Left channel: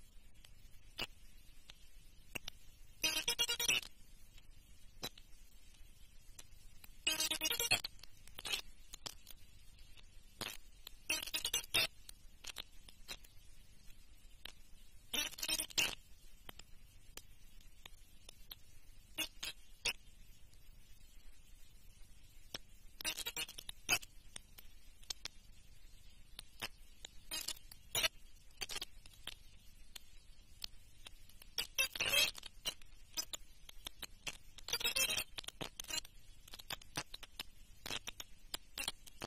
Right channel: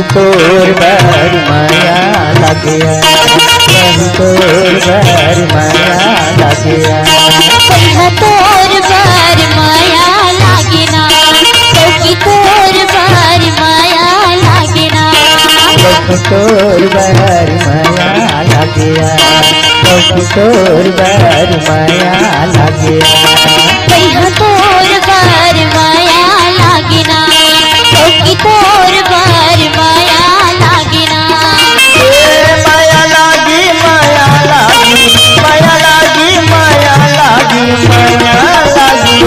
कभी तोर बार माया लगिया, कभी तोर बार माया लगिया, कभी तोर बार माया लागिना, कभी तोर बार माया लागिना, कभी तोर बार माया लगिया, कभी तोर बार माया लगिया, कभी तोर बार माया लागिना, कभी तोर बार माया लागिना। माया लागी माया लागी माया लागी माया लागी माया लागी,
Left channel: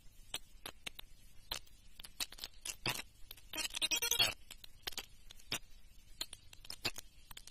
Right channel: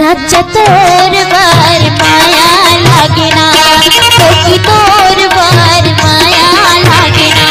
राजा तोर बार माया लागिना, कभी तोर बार माया लागिना।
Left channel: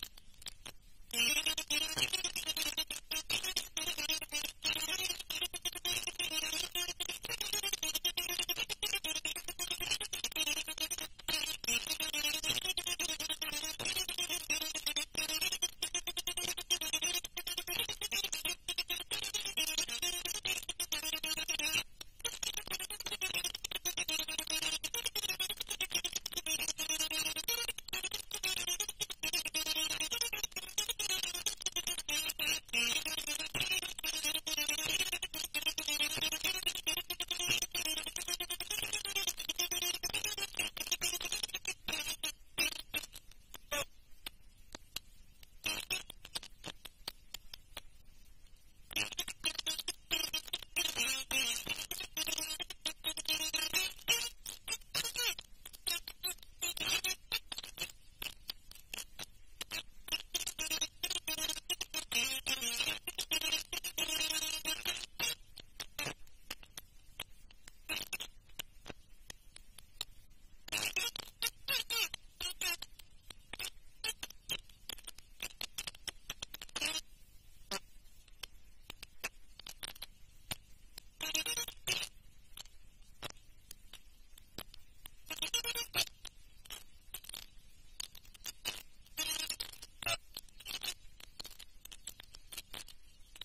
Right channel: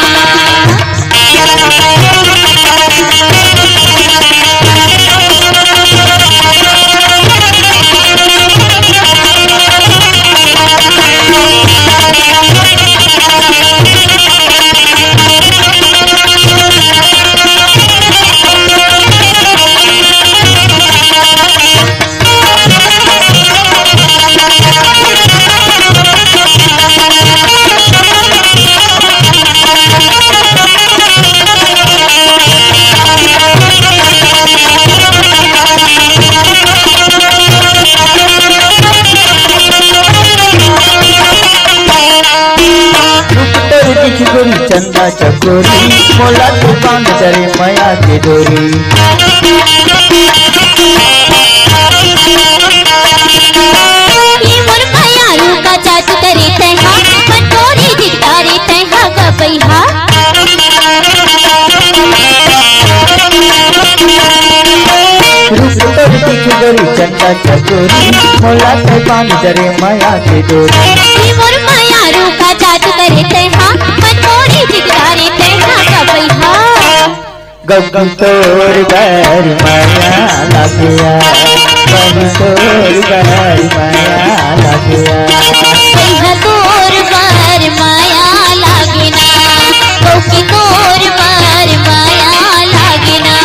चंदा चकोरी मोला दुकान करे माया के डोरी, मोर माया रूका चाचू करे तैहा, पटोरी दितारे तैहा गबैहा। चंदा चकोरी मोला दुकान करे माया के डोरी, मोर माया रूका चाचू करे तैहा, पटोरी दितारे तैहा गबैहा। कभी तोर बार माया लगिया, कभी तोर बार माया लगिया, कभी तोर बार माया लागिना, कभी तोर बार माया लागिना।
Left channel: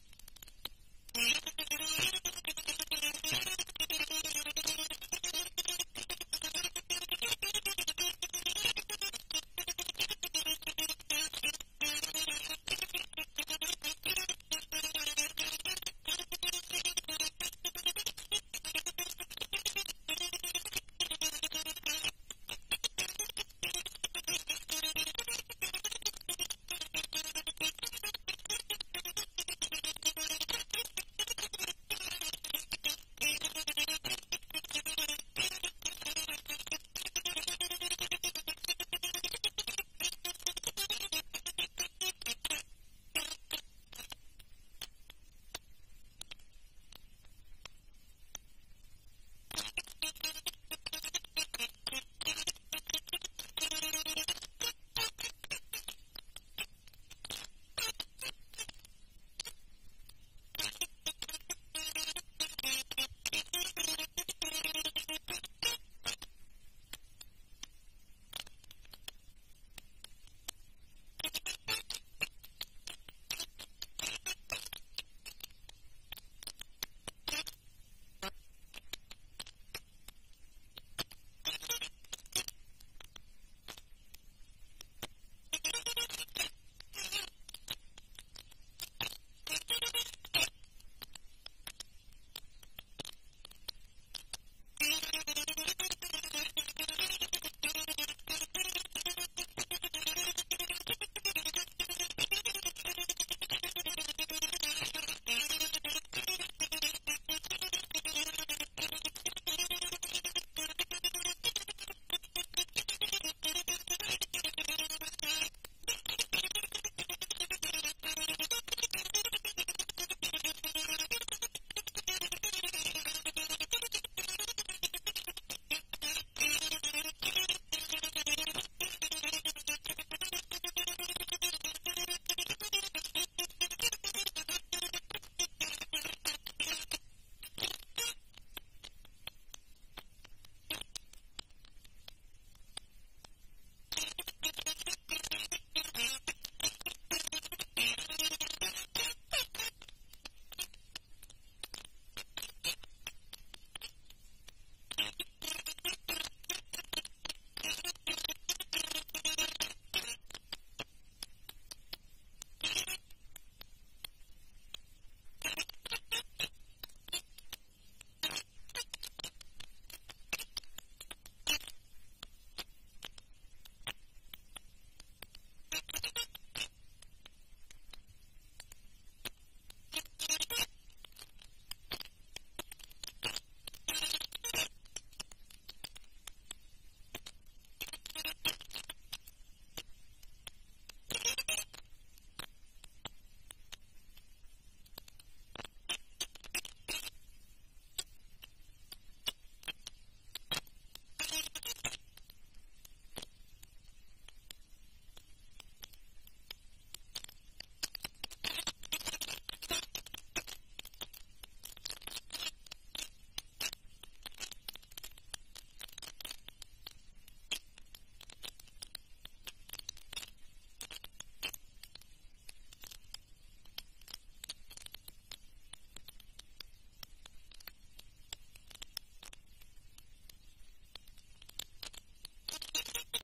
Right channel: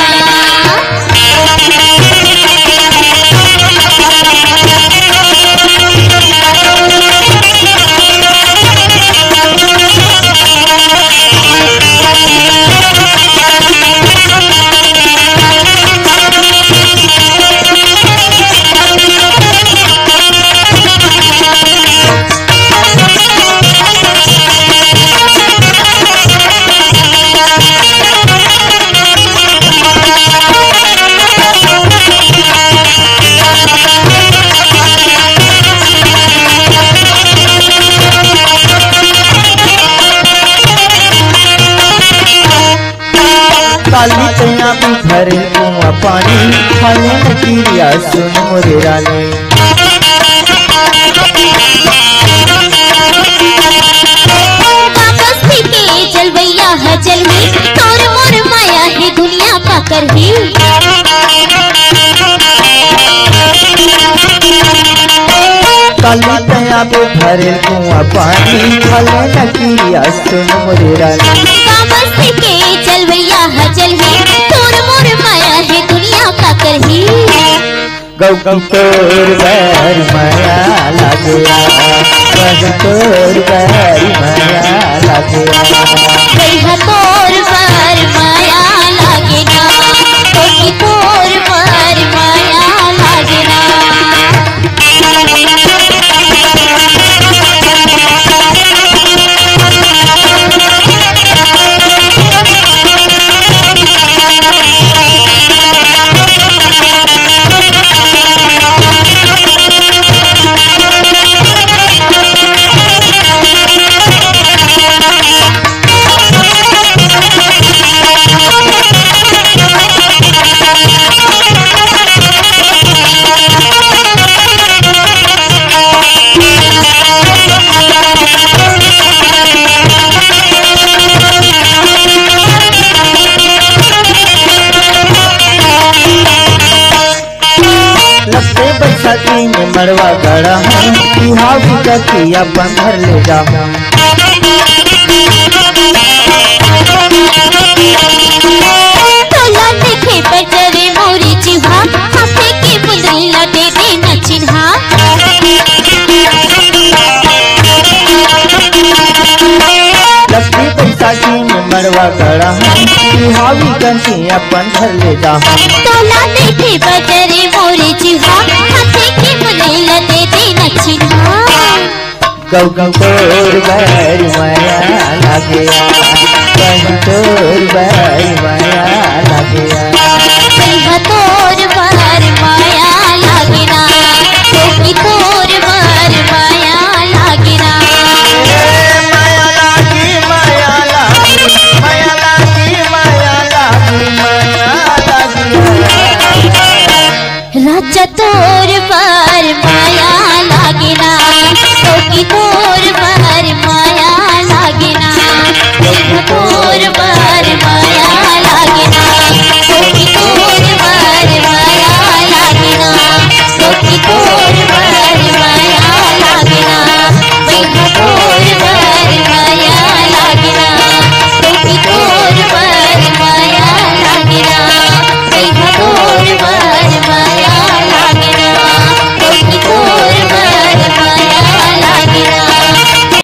काली तैया भी भरे कुआं पानी, खाने न कीरिया सुन मोरे रानी, वापस भी के जलवैया है जलही, तोर मोर माया है दुनिया का करही। काली तैया भी भरे कुआं पानी, खाने न कीरिया सुन मोरे रानी, वापस भी के जलवैया है जलही, तोर मोर माया है दुनिया का करही। कभी तोर बार माया लगिया, कभी तोर बार माया लगिया, कभी तोर बार माया लागिना, कभी तोर बार माया लागिना। मड़वा गड़ा हूँ, बिहाव कथिया बंधर ले जाऊँ, तोला देखे बजरे मोरी चिहा, हाथे के बुंदरी लटे दे न चिन्हा। तनी अपन घर ले जाहम तोला देखे बजरे मोरे जिहा हाथे के मुलेला दे दे नचिन्हा गौ गौ तोर बैर माया लागे कहीं तोर बैर माया